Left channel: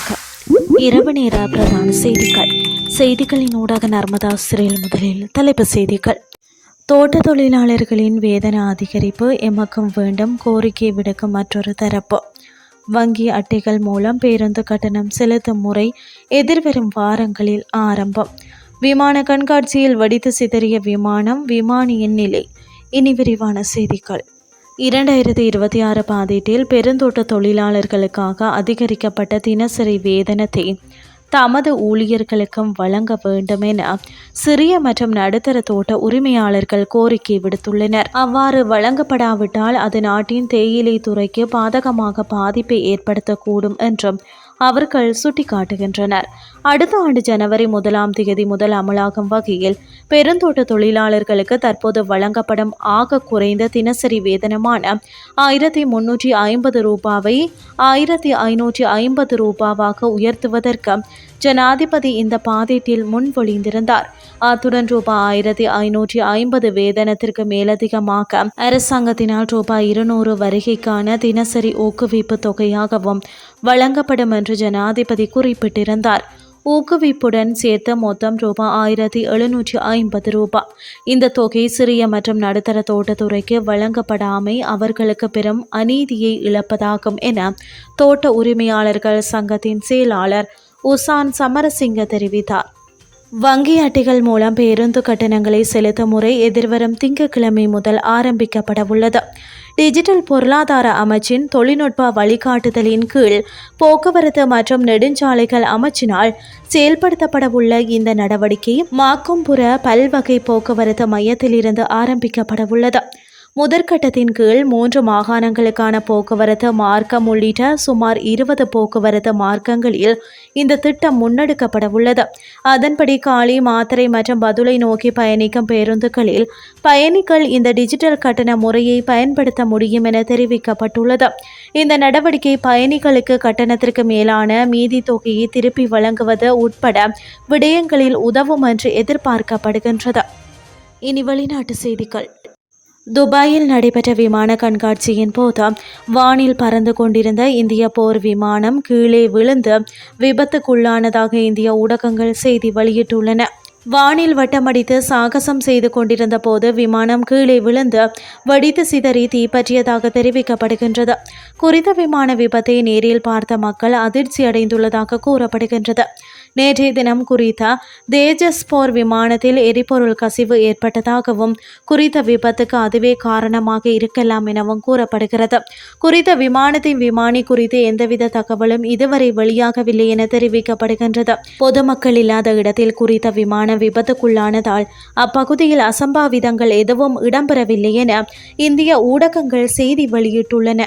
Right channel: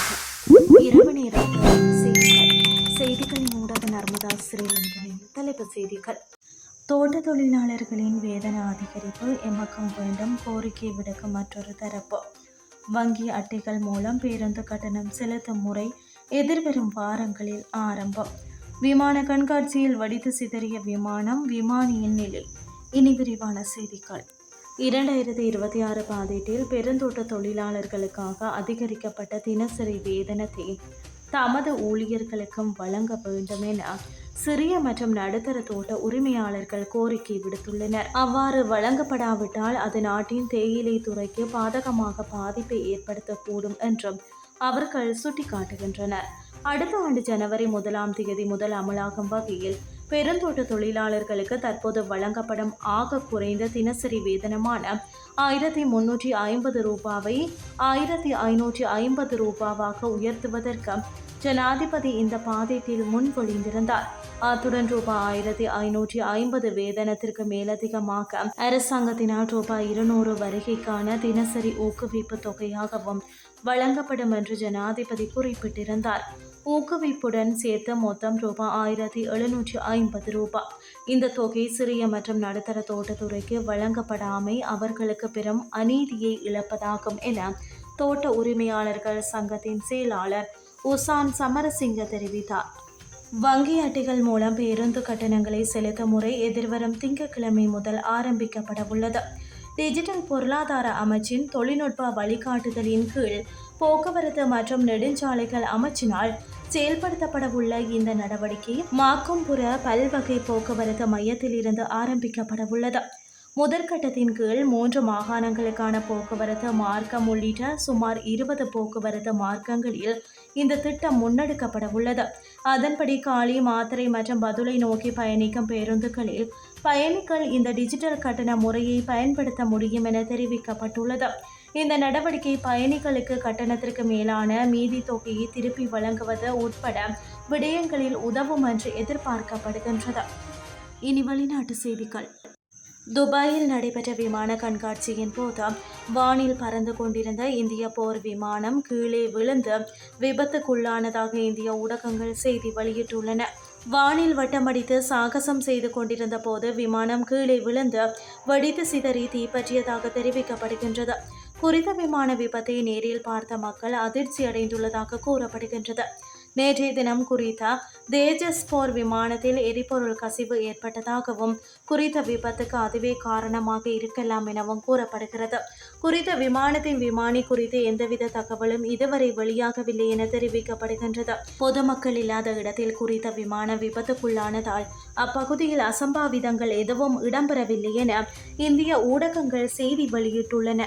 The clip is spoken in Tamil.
வணக்கம் இரவு நேர பிரதான செய்திகள். செய்திகளின் ஊடாக நர்மதா சிறையில் முதலில் தலைப்பு செய்திகள். தோட்ட தொழிலாளர்களின் வேதன அதிகரிப்பு எமக்கும் வேண்டும் கோரிக்கை விடுக்கும் மற்றொரு தரப்பு. வங்கி அட்டைகள் மூலம் பேருந்து கட்டணம் செலுத்தும் முறை எதிர்வரும் வாரங்களில் ஆரம்பம். விமான கண்காட்சியில் வடித்து சிதறிய விமானம் விமானியின் நிலை. இனி விரிவான செய்திகள். இரண்டாயிரத்தி இருபத்தி ஆறு பாதீட்டில் பெருந்தோட்ட தொழிலாளர்களுக்காக அதிகரிக்கப்பட்ட தினசரி வேதனத்தை தமது ஊழியர்களுக்கும் வழங்க வேண்டும் என சிறிய மற்றும் நடுத்தர தோட்ட உரிமையாளர்கள் கோரிக்கை விடுத்துள்ளனர். அவ்வாறு வழங்கப்படாவிட்டால் அது நாட்டின் தேயிலை துறைக்கு பாதகமாக பாதிப்பை ஏற்படுத்தக்கூடும் என்றும் அவர்கள் சுட்டிக்காட்டுகின்றனர். அடுத்த ஆண்டு ஜனவரி முதலாம் தேதி முதல் அமலாகும் வகையில் பெருந்தோட்ட தொழிலாளர்களுக்கு தற்போது வழங்கப்படும் ஆக குறைந்த தினசரி வேதனமான ஆயிரத்தி முன்னூற்றி ஐம்பது ரூபாவை ஆயிரத்தி ஐநூற்றி ஐம்பது ரூபாவாக உயர்த்துவதற்கு ஜனாதிபதி இந்த பாதீட்டில் முன்மொழிந்திருந்தார் அத்துடன் ரூபாய் ஆயிரத்தி ஐநூற்றி ஐம்பது வேதனத்திற்கு மேலதிகமாக அரசாங்கத்தினால் ரூபாய் இருநூறு வருகைக்கான தினசரி ஊக்குவிப்பு தொகையாகவும் வழங்கப்படும் என்று ஜனாதிபதி குறிப்பிட்டிருந்தார். ஊக்குவிப்புடன் சேர்த்து மொத்தம் ரூபாய் ஆயிரத்தி எழுநூற்றி ஐம்பது ரூபாய் இந்த தொகை சிறிய மற்றும் நடுத்தர தோட்டத்துறைக்கு வழங்கப்படாமை அவர்களுக்கு பெரும் அநீதியை இழப்பதாகும் என தோட்ட உரிமையாளர்கள் சங்கத்தின் செயலாளர் உசான் சமரசிங்க தெரிவித்தார். வங்கி அட்டைகள் மூலம் பேருந்து கட்டணங்களை செலுத்தும் முறை எதிர்வரும் திங்கட்கிழமை முதல் ஆரம்பிக்கப்பட உள்ளது டிஜிட்டல் பொருளாதார அமைச்சின் தொழில்நுட்ப வழிகாட்டுதலின் கீழ் போக்குவரத்து மற்றும் நெடுஞ்சாலைகள் அமைச்சினால் செயல்படுத்தப்படவுள்ள இந்த நடவடிக்கை மாக்கும்புற பல்வகை போக்குவரத்து மையத்திலிருந்து ஆரம்பிக்கப்படவுள்ளது. முதற்கட்டத்தின் கீழ் மூன்று மாகாணங்களுக்கான போக்குவரத்து மார்க்கம் உள்ளிட்ட சுமார் இருபது போக்குவரத்து மார்க்கங்களில் இந்த திட்டம் முன்னெடுக்கப்பட உள்ளது அதன்படி காலி மாத்திரை மற்றும் பதுளை நோக்கி பயணிக்கும் பேருந்துகளில் பயணிகள் இந்த டிஜிட்டல் கட்டண முறையை பயன்படுத்த முடியும் என தெரிவிக்கப்பட்டுள்ளது. இந்த நடவடிக்கை பயணிகளுக்கு கட்டணத்திற்கு மேலான மீதி தொகையை திருப்பி வழங்குவது உட்பட விடயங்களில் உதவும் என்று எதிர்பார்க்கப்படுகின்றது. இனி வெளிநாட்டு செய்திகள். துபாயில் நடைபெற்ற விமான கண்காட்சியின் போது வானில் பறந்து கொண்டிருந்த இந்திய போர் விமானம் கீழே விழுந்து விபத்துக்குள்ளானதாக இந்திய ஊடகங்கள் செய்தி வெளியிட்டுள்ளன. வானில் வட்டமடித்து சாகசம் செய்து கொண்டிருந்த போது விமானம் கீழே விழுந்து வெடித்து சிதறி தீப்பற்றியதாக தெரிவிக்கப்படுகின்றது. குறித்த விமான விபத்தை நேரில் பார்த்த மக்கள் அதிர்ச்சி அடைந்துள்ளதாக கூறப்படுகின்றது. நேற்றைய தினம் குறித்த தேஜஸ் போர் விமானத்தில் எரிபொருள் கசிவு ஏற்பட்டதாகவும் குறித்த விபத்துக்கு அதுவே காரணமாக இருக்கலாம் எனவும் கூறப்படுகிறது. குறித்த விமானத்தின் விமானி குறித்து எந்தவித தகவலும் இதுவரை வெளியாகவில்லை என தெரிவிக்கப்படுகின்றது. பொதுமக்கள் இல்லாத இடத்தில் குறித்த விமான விபத்துக்குள்ளானதால் அப்பகுதியில் அசம்பாவிதங்கள் எதுவும் இடம்பெறவில்லை என இந்திய ஊடகங்கள் செய்தி வெளியிட்டுள்ளன.